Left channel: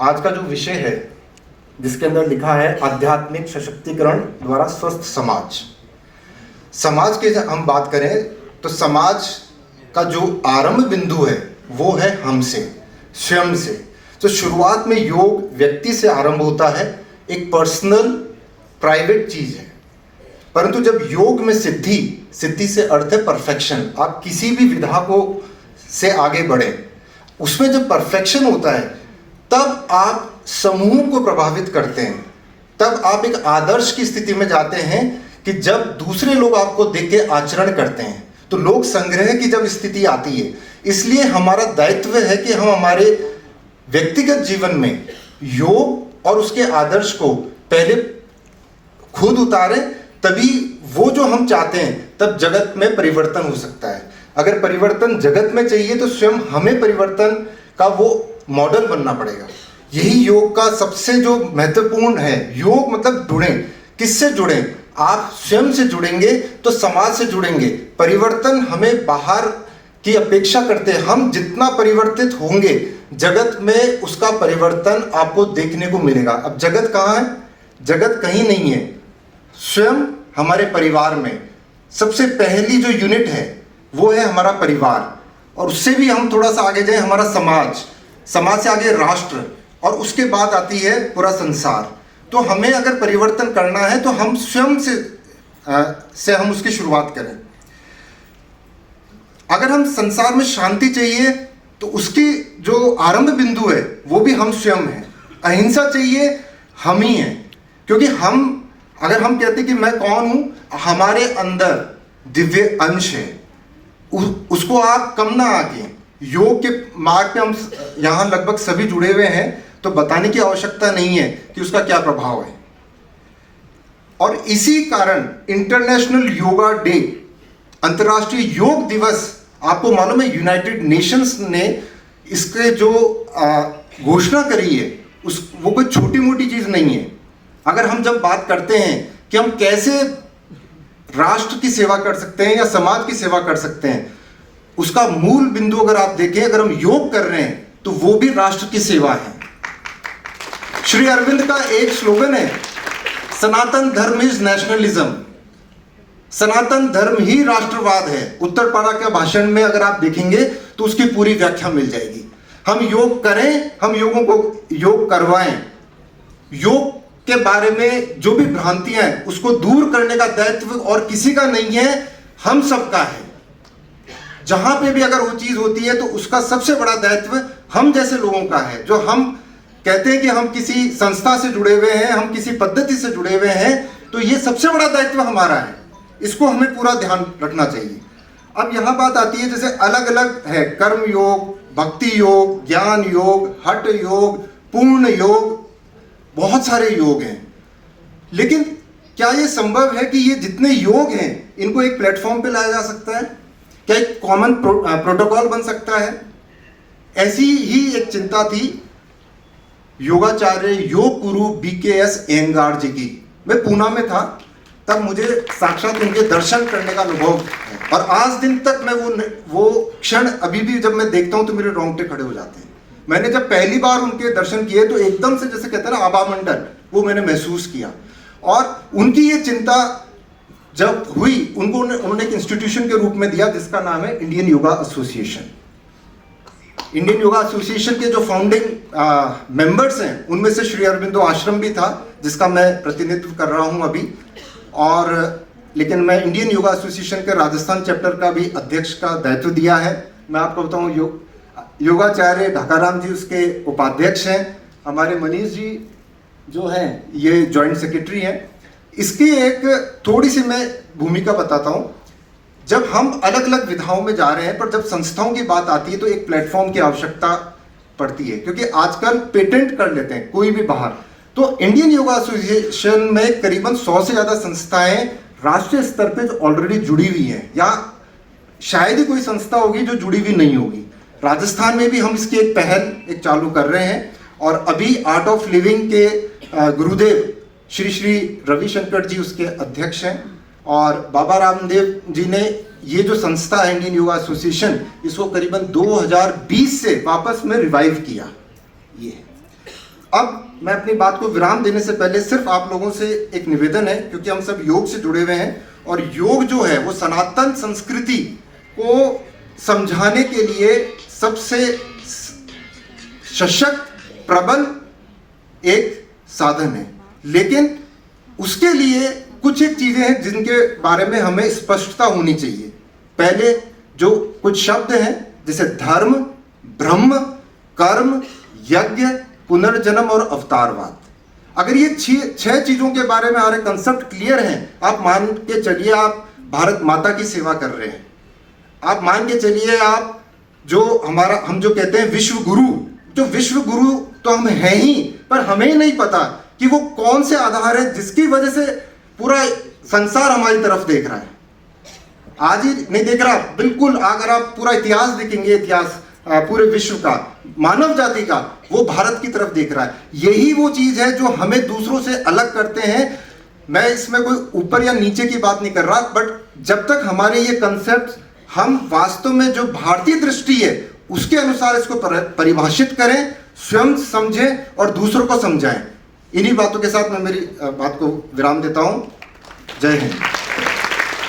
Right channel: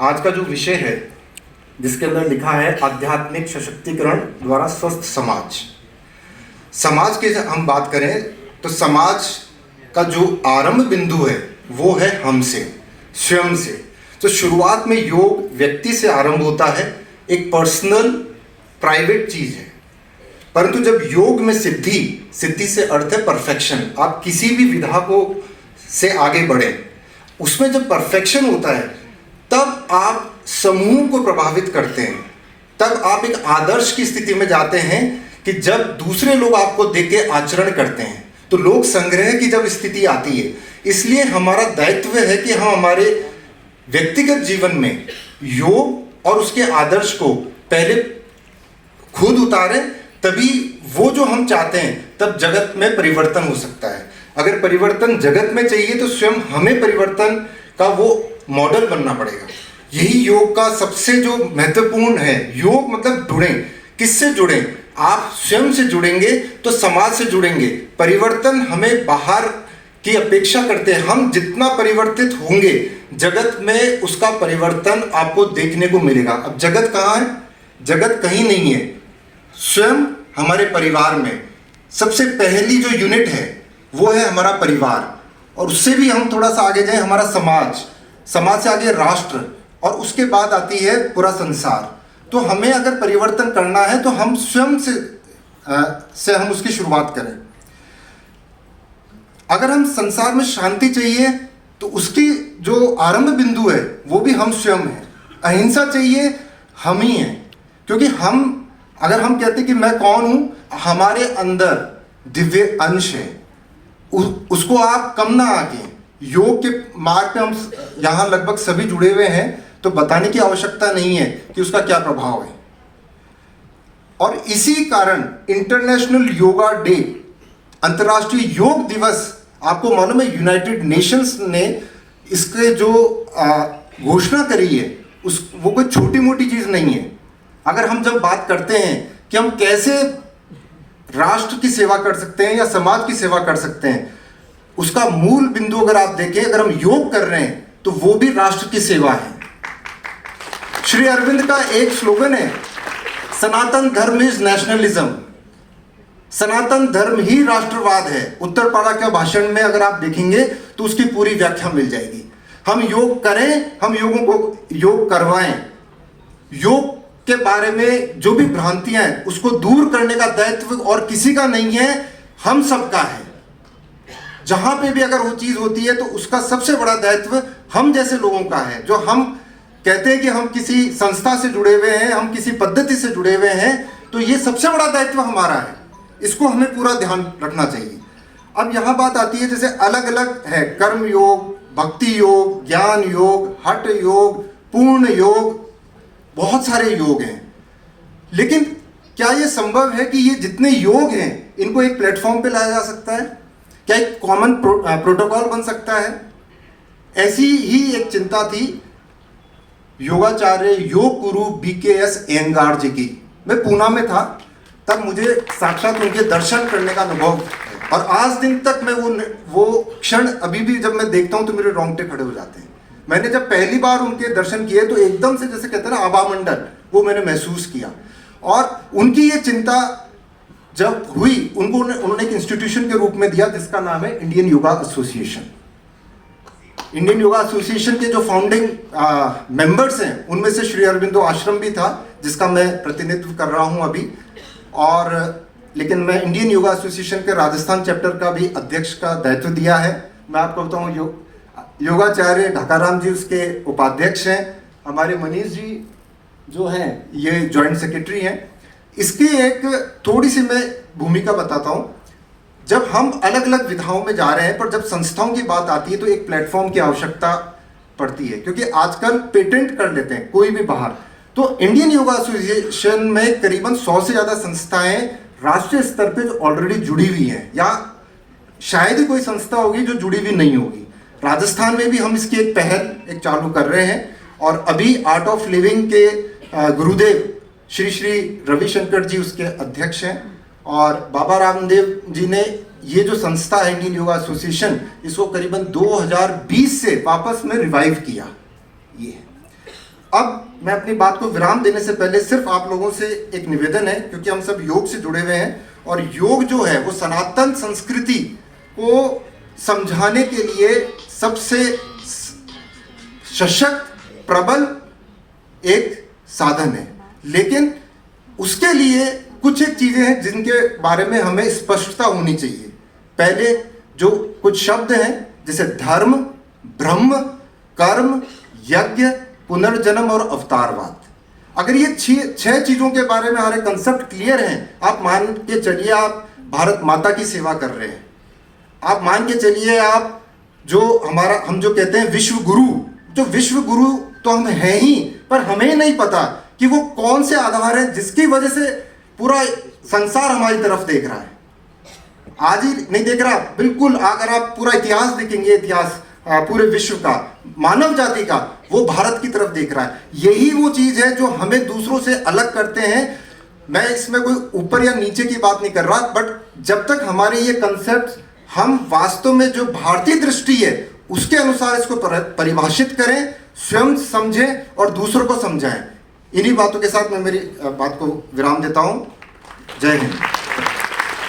आज का जो विषय है जिसके अंदर लिखा है आध्यात्मिक सशक्तिकरण द्वारा स्वस्थ समाज। समाज की हम बात करें तो समाज का जो आरंभ बिंदु है वो है हमसे, स्वयं से। तो शुरुआत में योग व्यक्ति से आरंभ होता है, एक पर्सनल प्राइवेट चीज है। परंतु जब योग में सिद्धि से अर्थ है परफेक्शन, आप किसी भी विधा को से आगे बढ़े, उसमें जब परफेक्शन होता है तब आप समूह को प्रभावित करते हैं, तब आप एक आदर्श की स्थिति में जाते हैं कि जब दूसरे लोग आपको देख के आचरण करते हैं तो लोक संग्रह की जब स्थिति आती है। इसलिए हमारा दायित्व है कि हम हमारे व्यक्तिगत जीवन में योग और उसके आदर्श को पहले खुद उतारें, तभी वो जो हम चाहते हैं तब जगत में परिवर्तन हो सकता है। अगर परिवर्तन जगत में चाहिए तो स्वयं हमें परिवर्तन का वो मॉडल बनना पड़ेगा। यही योग का सबसे जो महत्वपूर्ण है। योग मतलब जुड़ें। किससे जुड़ें? आप स्वयं से जुड़ेंगे तो समाज से जुड़ेंगे। परिवर्तन हमें बाहर की अपेक्षा करते हैं। हम जितना परिवर्तित होंगे जगत में उसका परिवर्तन आपको देखने को मिलेगा। अब जगत कहाँ है? जगत कहीं नहीं है, स्वयं हमारे परिवार में। सबसे पहली जो यूनिट है वो है हमारा परिवार, और उससे भी हम थोड़ा सा आगे जाए हमारा समाज, समाज से आगे राष्ट्र, और उसके बाद आती है पूरा संसार। तो हमें अगर परिवर्तन करना है तो हम स्वयं से हम उसकी शुरुआत करें। अगर हम संसार में शांति चाहिए तो उसकी जो आरंभ बिंदु है वो भी हम स्वयं हैं। अहिंसा चाहिए, हम ही हैं। क्योंकि अगर हम कहते कि मैं कौन हूं, हमारे अंदर दिव्य अंश है, उसको आप कम ना आके योग के मार्ग पे हम यहाँ लगभग सभी जुड़े हुए हैं, तो बताने की आवश्यकता नहीं है कि उसका क्या प्रभाव है। और इसी कारण इंटरनेशनल योगा डे, अंतर्राष्ट्रीय योग दिवस, आपको मालूम है यूनाइटेड नेशंस ने इसके जो घोषणा करी है वो कोई छोटी मोटी चीज नहीं है। अगर हम जब बात करते हैं कि हम कैसे राष्ट्र की सेवा कर सकते हैं या समाज की सेवा कर सकते हैं, उसका मूल बिंदु अगर आप देखें, अगर हम योग कर रहे हैं तो वो भी राष्ट्र की सेवा है। श्री अरविंद का एक स्लोगन है, सनातन धर्म इज नेशनलिज्म। सनातन धर्म ही राष्ट्रवाद है। उत्तरपाड़ा के भाषण में अगर आप देखेंगे तो उसकी पूरी व्याख्या मिल जाएगी। हम योग करें, हम योगों को योग करवाएं। योग के बारे में जो भी भ्रांतियां हैं उसको दूर करने का दायित्व और किसी का नहीं है, हम सबका है। जहां पे भी अगर वो चीज होती है तो उसका सबसे बड़ा दायित्व हम जैसे लोगों का है। जो हम कहते हैं कि हम किसी संस्था से जुड़े हुए हैं, हम किसी पद्धति से जुड़े हुए हैं, तो ये सबसे बड़ा दायित्व हमारा है। इसको हमें पूरा ध्यान रखना चाहिए। अब यहां बात आती है, जैसे अलग अलग है, कर्म योग, भक्ति योग, ज्ञान योग, हठ योग, पूर्ण योग, बहुत सारे योग हैं। लेकिन क्या ये संभव है कि ये जितने योग हैं इनको एक प्लेटफॉर्म पे लाया जा सकता है? क्या एक कॉमन प्रोटोकॉल बन सकता है? ऐसी ही एक चिंता थी योगाचार्य योग गुरु BKS अयंगार जी की। मैं पूना में था तब मुझे साक्षात उनके दर्शन करने का अनुभव, और आज दिन तक मैं वो क्षण अभी भी जब मैं देखता हूं तो मेरे रोंगटे खड़े हो जाते हैं। मैंने जब पहली बार उनके दर्शन किए तो एकदम से, जैसे कहते हैं ना, आभा मंडल, वो मैंने महसूस किया। और उनकी ये चिंता जब हुई, उन्होंने एक इंस्टीट्यूशन के रूप में दिया जिसका नाम है Indian yoga association. Indian yoga association के जो फाउंडिंग मेंबर्स हैं उनमें से श्री अरबिंदो आश्रम भी था, जिसका मैं प्रतिनिधित्व कर रहा हूं अभी। और लेकिन मैं इंडियन योगा एसोसिएशन के राजस्थान चैप्टर का भी अध्यक्ष का दायित्व दिया है। मैं आपको बताऊं, योगाचार्य ढाकाराम जी उसके उपाध्यक्ष हैं। हमारे मनीष जी जो हैं ये जॉइंट सेक्रेटरी हैं। इसकी एक थोड़ी सी मैं भूमिका बताता हूं। जब हम अलग अलग विधाओं में जा रहे हैं, पर जब संस्थाओं की बात आती है तो एक प्लेटफॉर्म की आवश्यकता पड़ती है, क्योंकि आजकल पेटेंट कर लेते हैं कोई भी बाहर। तो इंडियन योगा एसोसिएशन में करीबन 100 से ज़्यादा संस्थाएं राष्ट्रीय स्तर पे जो ऑलरेडी जुड़ी हुई हैं, या शायद ही कोई संस्था होगी जो जुड़ी हुई नहीं होगी। राजस्थान में भी हम इसकी एक पहल चालू कर रहे हैं, और अभी आर्ट ऑफ लिविंग के गुरुदेव श्री श्री रविशंकर जी उसके अध्यक्ष हैं, और बाबा रामदेव जी ने ये जो संस्था है इंडियन योगा एसोसिएशन, इसको करीबन 2020 से वापस में रिवाइव किया। ये अब मैं अपनी बात को विराम देने से पहले सिर्फ आप लोगों से एक निवेदन है, क्योंकि हम सब योग से जुड़े हुए हैं और योग जो है वो सनातन संस्कृति को समझाने के लिए सबसे सशक्त प्रबल एक साधन है। लेकिन उसके लिए कुछ एक चीजें हैं जिनके बारे में हमें स्पष्टता होनी चाहिए। पहले जो कुछ शब्द हैं जैसे धर्म, ब्रह्म, कर्म, यज्ञ, पुनर्जन्म और अवतारवाद, अगर ये छह चीजों के बारे में हमारे कंसेप्ट क्लियर हैं, आप मान के चलिए आप भारत माता की सेवा कर रहे हैं, आप मान के चलिए आप जो हम जो कहते हैं विश्व गुरु, जो विश्व गुरु तो हम हैं ही, पर हमें नहीं पता कि वो कौन से आधार है जिसकी वजह से पूरा संसार हमारी तरफ देख रहा है। आज ही नहीं देख रहा, बिल्कुल अगर आप पूरा इतिहास देखेंगे, इतिहास पूरे विश्व का, मानव जाति का, वो भारत की तरफ देख रहा है। यही वो चीज है जो हमें दूसरों से अलग करते हैं। मैं इसमें कोई ऊपर या नीचे की बात नहीं कर रहा, बट जब तक हमारे ये कंसेप्ट हम वास्तव में जो भारतीय दृष्टि है उसके अनुसार इसको परिभाषित करें, स्वयं समझें और दूसरों को समझाएं। इन्हीं बातों के साथ मैं मेरी बात को विराम देता हूं। जय हिंद।